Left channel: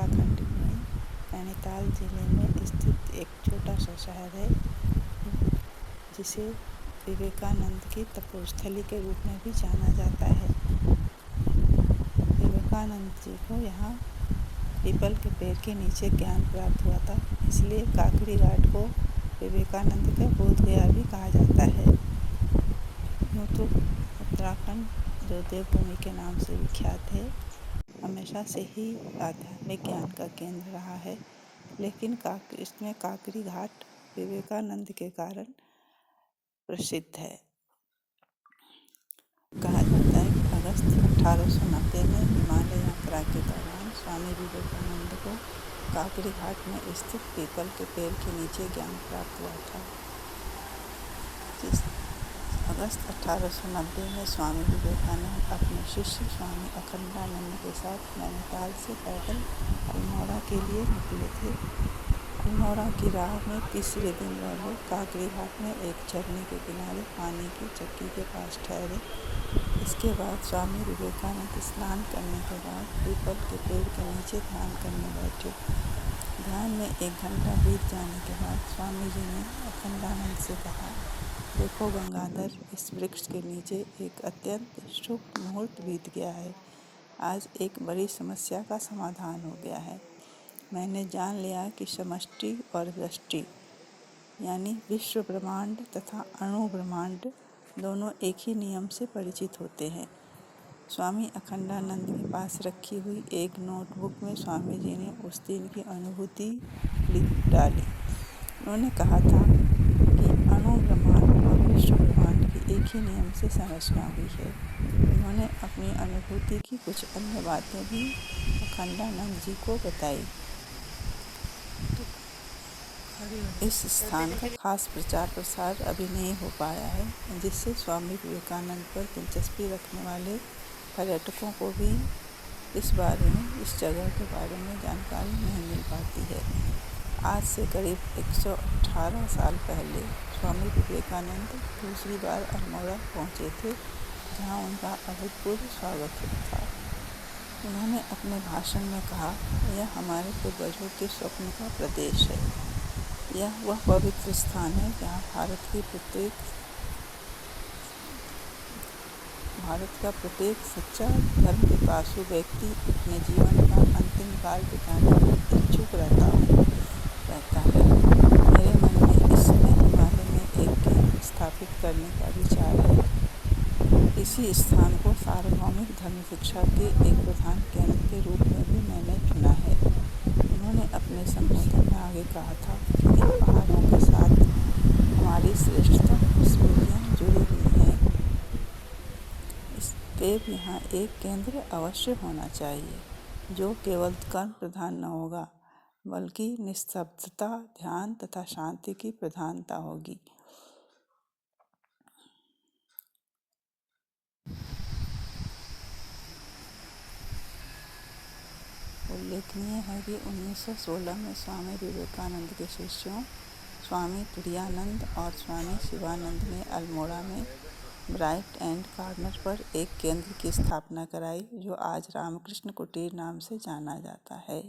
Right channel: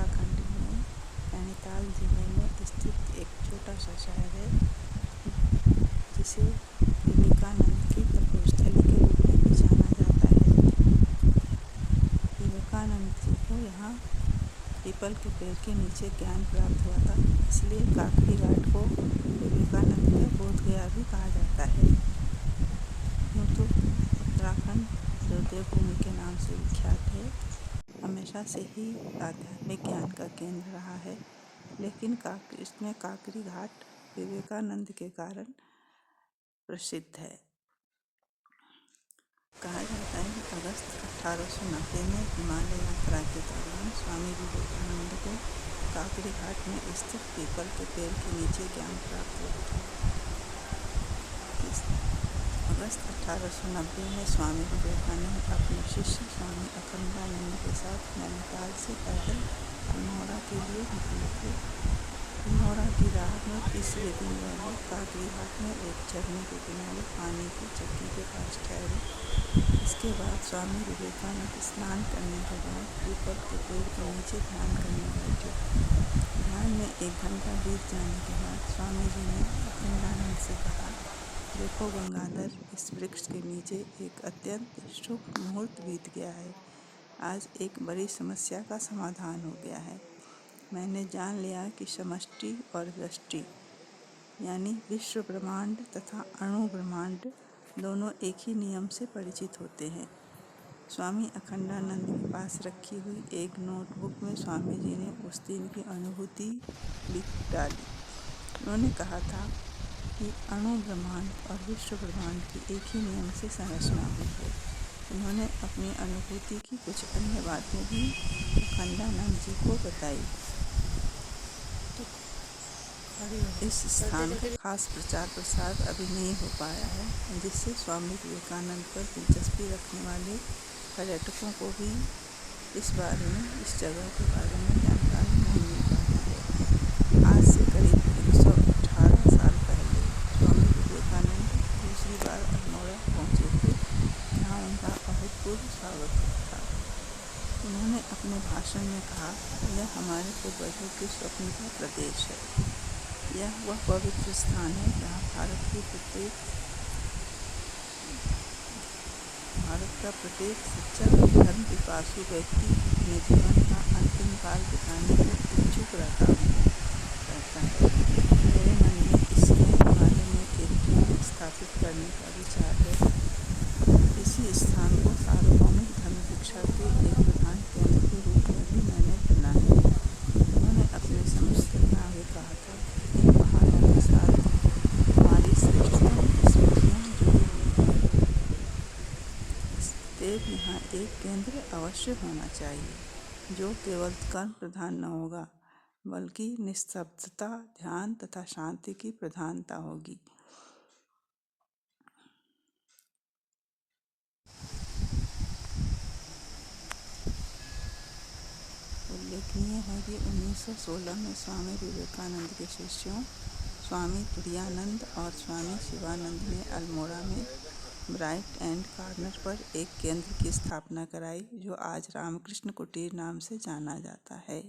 उत्तराखंड में नैनीताल जिले में स्थित एक छोटा सा शहर है जिसे विवेकानंद की तपोस्थली के रूप में भी जाना जाता है। विवेकानंद जी को यहाँ पीपल के पेड़ के नीचे ज्ञान प्राप्त हुआ था, इसलिए काकड़ी घाट को विवेकानंद का बोध गया भी कहा जाता है। यूँ तो उत्तराखंड जो देवभूमि के नाम से विख्यात है, हमेशा से ही आध्यात्मिक ज्ञान का केंद्र रहा है, लेकिन इसमें काकड़ी घाट विवेकानंद के कारण प्रसिद्ध है। कहा जाता है कि अगस्त 1890 में हिमालय यात्रा के दौरान स्वामी विवेकानंद को काकड़ी घाट में स्थित पीपल के पेड़ के नीचे ज्ञान प्राप्त हुआ था। अगस्त 1890 में स्वामी विवेकानंद अपने शिष्य स्वामी अखंडानंद के साथ नैनीताल से पैदल अल्मोड़ा के लिए निकले थे। अल्मोड़ा की राह में तीसरे दिन वह लोग काकड़ी घाट में एक झरने के किनारे पानी की चक्की के पास ठहरे। इसके बाद स्वामी विवेकानंद स्नान करने के बाद पीपल के पेड़ के नीचे ध्यान करने बैठे। ध्यान में 1 घंटा बीत जाने के बाद स्वामी जी ने अखंडानंद से कहा, देखो गंगाधर, इस वृक्ष के नीचे एक अत्यंत शुभ मुहूर्त बीत गया है। आज एक बड़ी समस्या का समाधान हो गया है। मैंने जान लिया कि समष्टि और व्यष्टि यानी विश्व ब्रह्मांड तथा अणु ब्रह्मांड दोनों एक ही नियम से परिचित होते हैं। स्वामी अखंडानंद के पास रखी हुई एक नोटबुक में स्वामी जी ने उस दिन की अनुभूति लिख डाली। उन्होंने कहा था कि अणु ब्रह्मांड और विश्व ब्रह्मांड की एक ही नियम से संरचना हुई है। उन्होंने अपनी अनुभूति की कुछ अन्य बातें भी अखंडानंद जी को बताई। इस स्थान का खास प्रचार प्रसार अभी नहीं हो पाया है, जिससे स्वामी विवेकानंद पर दिलचस्पी रखने वाले पर्यटकों को भी इस जगह के बारे में जानकारी नहीं मिल पाती है। आज से करीब 118 साल पहले स्वामी विवेकानंद दूसरी बार अल्मोड़ा पहुँचे थे, जहाँ उनका अभूतपूर्व स्वागत हुआ था। उन्होंने अपने भाषण में कहा, यह हमारे पूर्वजों के स्वप्न का प्रदेश है। यह वह पवित्र स्थान है जहाँ भारत का प्रत्येक सच्चा धर्म पिपासु व्यक्ति अपने जीवन का अंतिम काल बिताने में इच्छुक रहता है। मेरे मन में इस समय हिमालय में एक केंद्र स्थापित करने का विचार है। इसी स्थान को सार्वभौमिक धर्म शिक्षा के एक प्रधान केंद्र के रूप में भी मैंने चुना है। उन्होंने अपने संबोधन में आगे कहा था कि इन पहाड़ों के साथ हमारी श्रेष्ठतम स्मृतियाँ जुड़ी हुई हैं। देव यहाँ एक केंद्र अवश्य होना चाहिए, जो केवल कर्म प्रधान न होगा, बल्कि निस्तब्धता, ध्यान तथा शांति की प्रधानता होगी। उल्लेखनीय है कि 1916 में स्वामी विवेकानंद के शिष्यों स्वामी तुरायानंद और स्वामी शिवानंद ने अल्मोड़ा में ब्राइट एंड कॉर्नर पर एक केंद्र की स्थापना कराई, जो आज रामकृष्ण कुटीर नाम से जाना जाता है।